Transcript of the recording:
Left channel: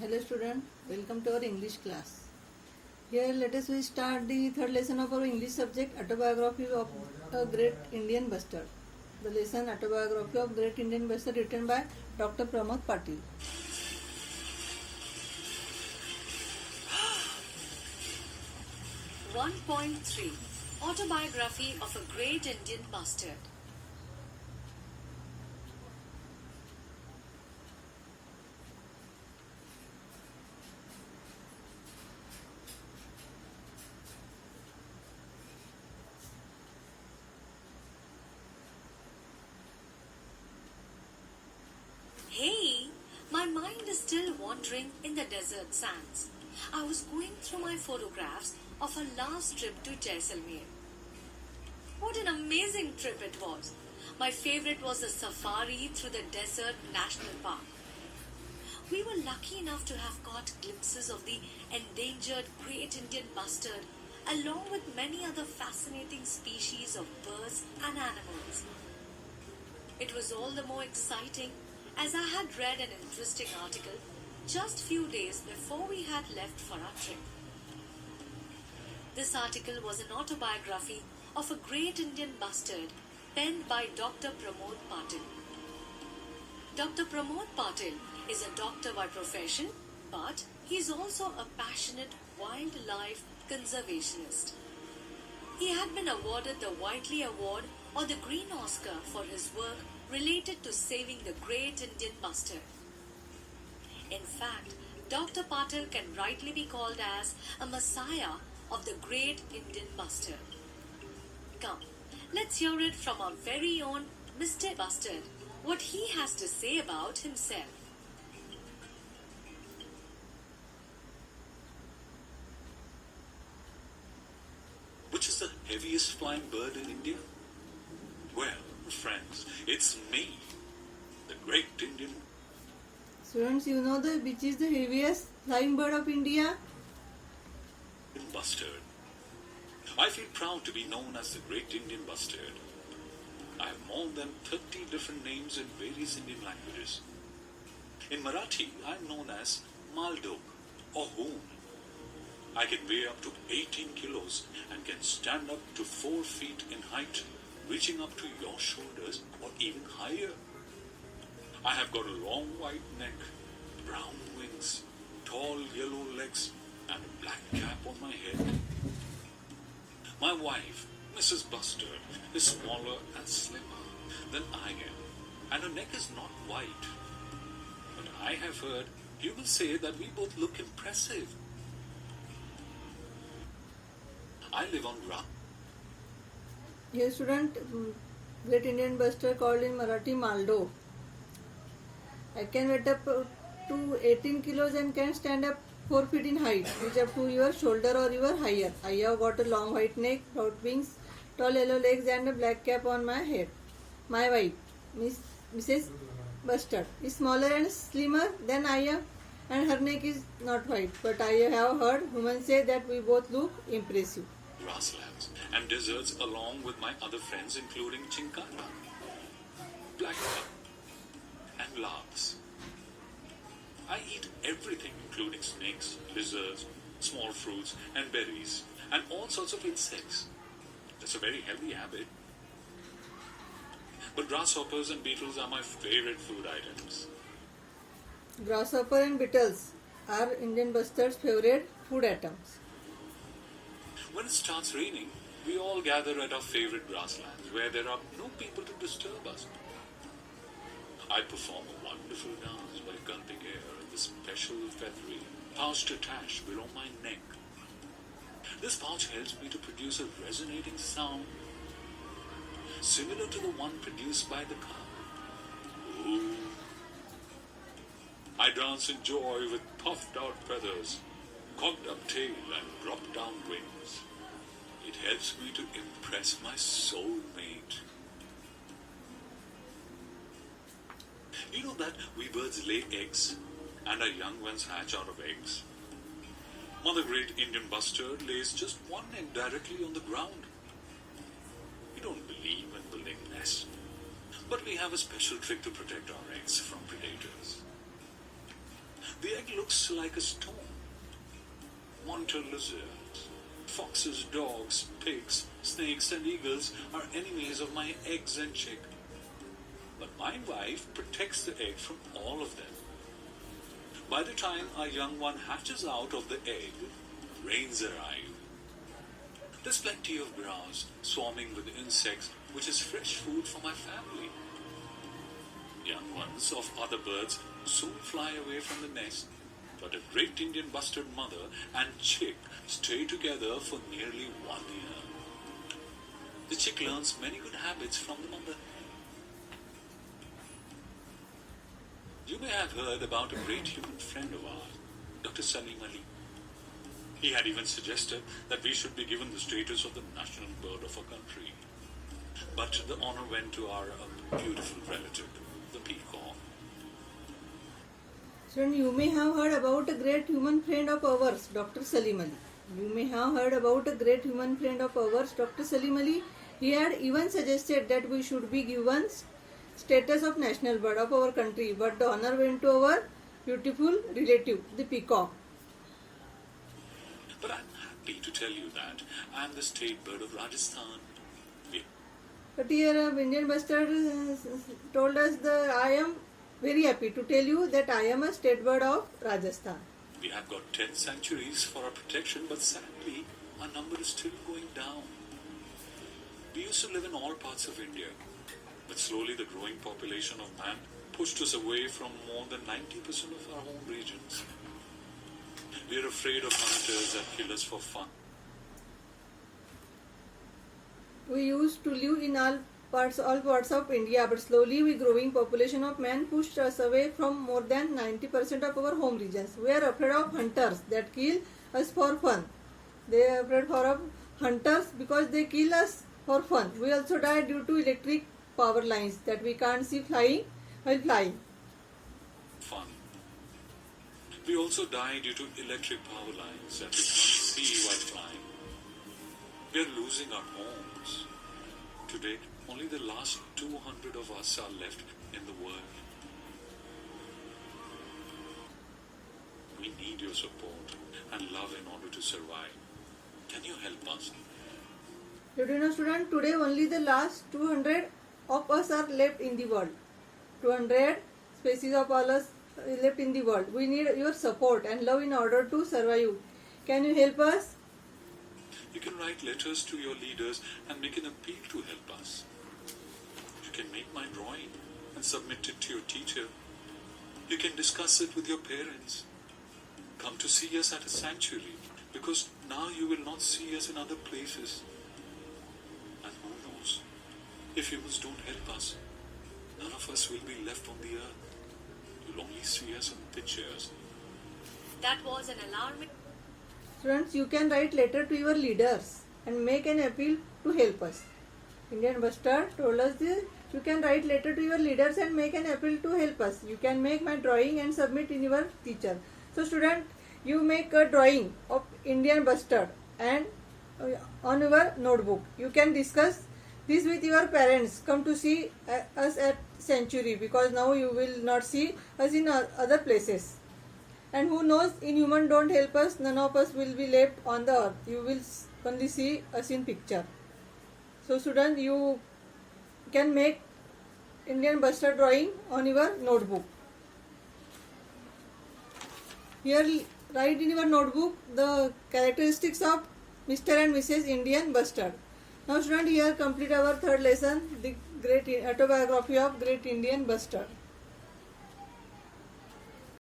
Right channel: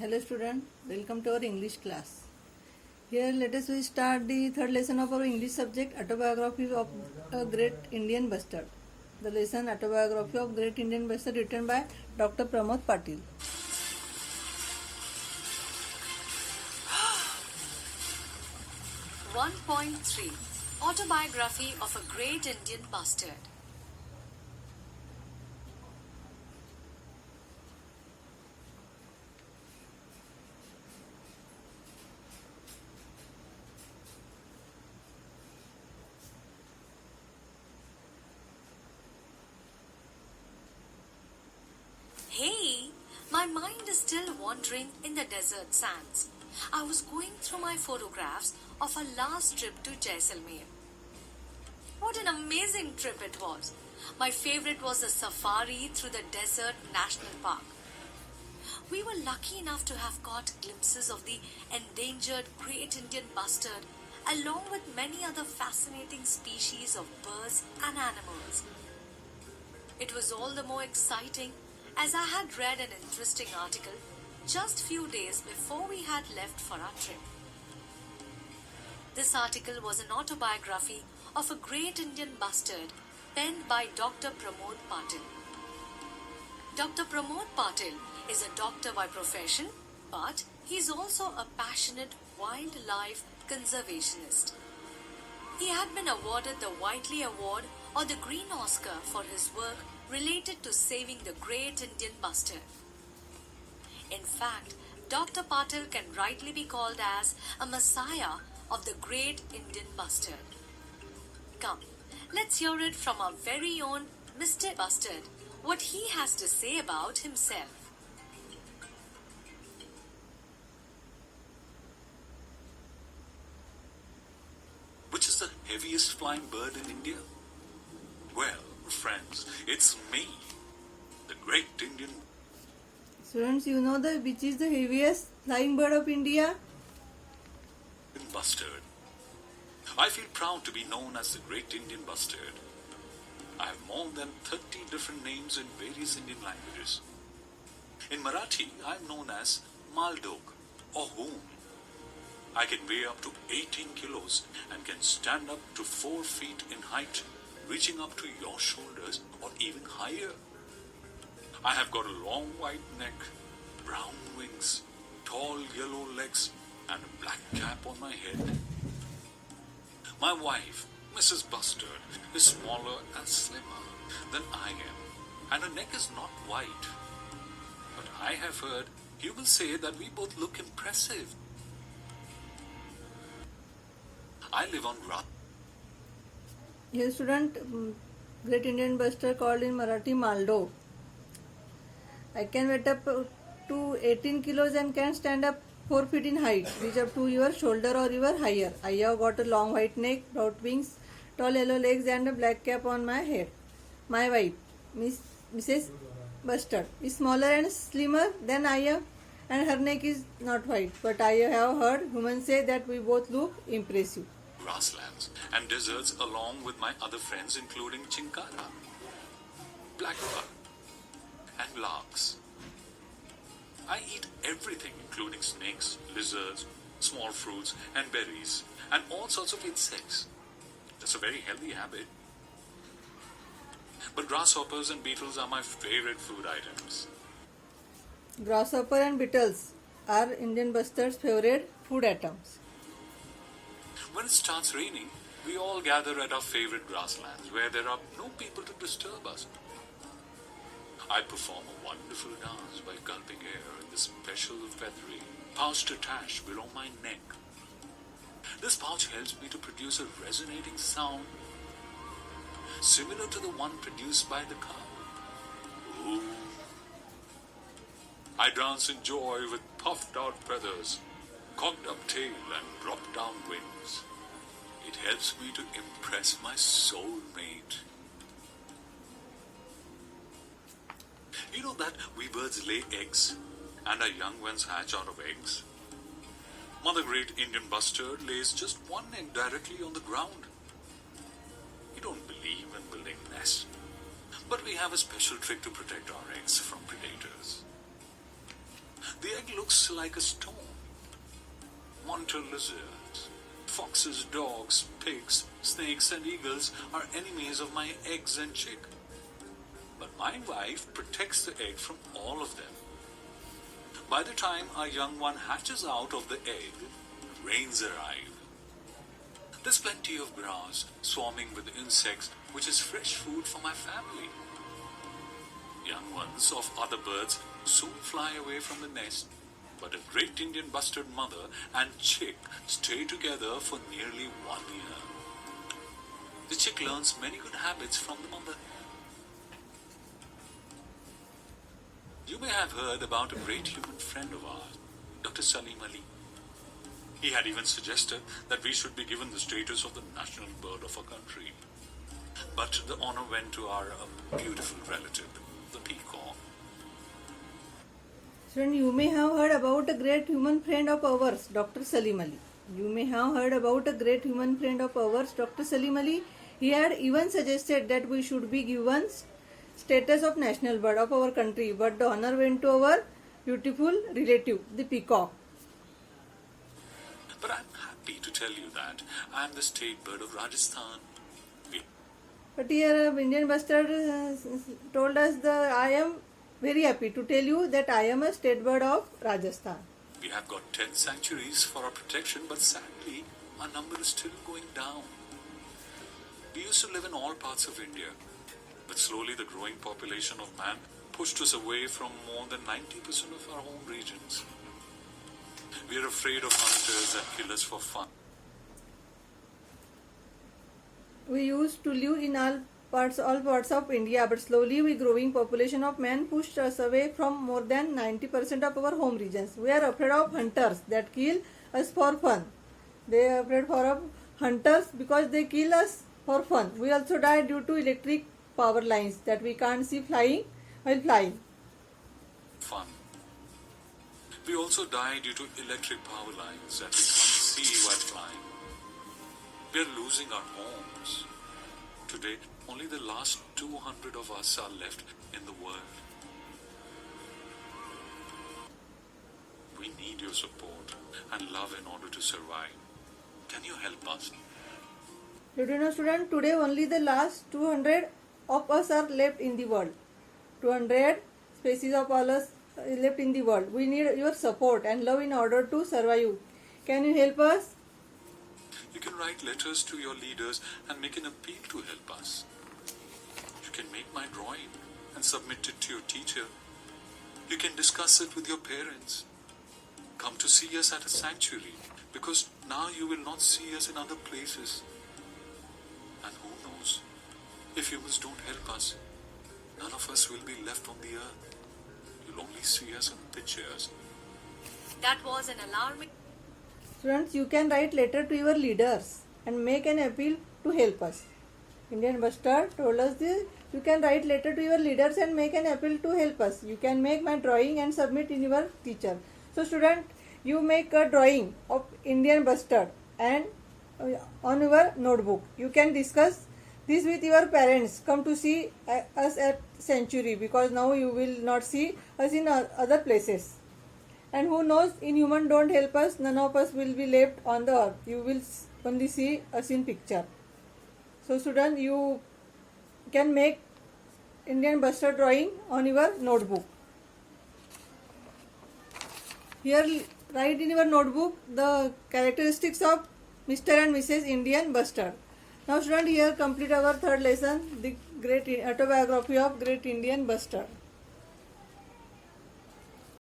Hello student, welcome to our English class. Here let us start the third lesson of our English subject, Autobiography of a Great Indian Bustard. The lesson Autobiography of Great Indian Bustard written by Dr. Pramod Patil. One point 3 Autobiography of a Great Indian Bustard. Hey, my mind is still wandering in the desert sands. I was going through my photographs of our last trip to Jaisalmer. What an amazing trip it was. My favorite was the safari through the desert national park. We were lucky enough to have caught glimpses of the endangered great Indian bustard along with many other fascinating species of birds and animals. It was all the more exciting as I had read an interesting article just few days before we had left for our trip. This article was an autobiography of a great Indian bustard penned by Dr. Pramod Patil. Dr. Pramod Patil is a doctor by profession, but he is also a passionate wildlife conservationist. He had been awarded the Whiteley Award or the Green Oscar for his work related to saving the great Indian bustard. In fact, Dr. Patil can rightly be called as a messiah of the great Indian bustard. Come, let's hear it from our very own Mr. Bustard, what he has to say about himself. Which is the heaviest flying bird in India? Well, friends, it's me, the great Indian Students, you know which is the heaviest flying bird of India? bustard. I feel proud to be known as the great Indian bustard. I have more than 30 different names in various Indian languages. In Marathi, I am known as Maldog or Hoon. I can weigh up to 18 kilos and can stand up to 4 feet in height, reaching up to your shoulders or even higher. I have got a long white neck, brown wings, tall yellow legs, and a black cap on my head. My wife, Mrs. Bustard, is smaller and slimmer than I am, and her neck is not white. But I have heard you will say that we both look impressive. I live on grass. Here student, great Indian bustard called in Marathi Maldo. I can weight up to 18 kilos and can stand up 4 feet in height, reach up to your shoulder or even higher. I have got a long white neck, broad wings, tall yellow legs and a black cap on my head. My wife, Mrs. Bustard, is smaller and slimmer than I am and her neck is not white. But I have heard women say that we both look impressive. Grasslands and deserts along with my other friends including chinkara, blackbird and larks. I eat everything including snakes, lizards, small fruits and berries and all sorts of insects. That's a very healthy habit. But grasshoppers and beetles are my favorite food items. Grasshopper and beetles are Indian bustard's favorite food items. When it starts raining, we all gather at our favorite grasslands where there are no people to disturb us. I perform a wonderful dance by gulping air in this special feathery pouch attached below my neck. This pouch helps me to produce a resonating sound similar to the one produced by the cow. Ooh. I dance in joy with puffed out feathers, cocked up tail and dropped down wings. It helps me to impress my soulmate. You know that we birds lay eggs and our young ones hatch out of eggs? Mother great Indian bustard lays just one egg directly on the ground. We don't believe in building nests, but we have a special trick to protect our eggs from predators. The egg looks like a stone. Monitor lizards, foxes, dogs, pigs, snakes and eagles are enemies of my eggs and chick. But my wife protects the egg from all of them. By the time our young one hatches out of the egg, rains arrive. There's plenty of grass swarming with insects, which is fresh food for my family. Young ones of other birds soon fly away from the nest, but a great Indian bustard mother and chick stay together for nearly 1 year. The chick learns many good habits from the mother. You may have heard about a great human friend of ours, Dr. Salim Ali. He had even suggested that we should be given the status of the national bird of our country. But the honor went to our beautiful relative, the peacock. Student, you may have heard about a great human friend of ours, Dr. Salim Ali. You may have heard about a great human friend of ours, Dr. Salim Ali. He had even suggested that we should be given status of national bird of our country, but the honor went to our beautiful relative, the peacock. But I'm happy to tell you that I'm the state bird of Rajasthan. But here Indian Bustard told us that I am very happy to tell you that I am a state bird of Rajasthan. We have got 10 sanctuaries for our protection, but sadly, our number is still going down. We used to live in all parts of India, but slowly the growing population of man pushed us away from more than 90% of our home regions. We are afraid of hunters that kill us for fun. We used to live in all parts of India, but slowly the growing population of man pushed us away from more than 90% of our home regions. We are afraid of hunters that kill us for fun. They are afraid of hunters because they kill us for fun. We also die due to electric power lines that we can't see flying while flying. Fun. We also die due to electric power lines that we can't see while flying. We are losing our homes. Today, only the last 200 of us are left in the world. We need your support and love in order to survive. Can you help us? Did you know, student, today only the last 200 of us are left in the world. 200 species of all us left in the world. We need your support and love in order to survive. Can you help us? You can write letters to your leaders and make an appeal to help us. You can make my drawing and submit it to your teacher. You can discuss it with your parents. Come to see us at a sanctuary, because now you will not see us in other places. And who knows, if humans don't help us, none of us will be left on the earth. You'll only see us in pictures. That was an alarming. Students, you can write letter to your leaders and make an appeal to help us. Indian Bustard told us this. You can write letter to your leaders and make an appeal to help us. You can make my drawing and submit in your teacher. So student, you make a drawing of Indian Bustard and on your notebook. You can discuss this with your parents. Come to see us at sanctuary, because now you will not see us in other places. And who knows, in human don't help us, none of us will be left on the earth. You will only see us in picture. So students, you can make Indian Bustard drawing on your notebook. Here write in your notebook the characteristics of Mr. and Mrs. Indian Bustard. Now students, here complete our third lesson, the great autobiography of great Indian Bustard.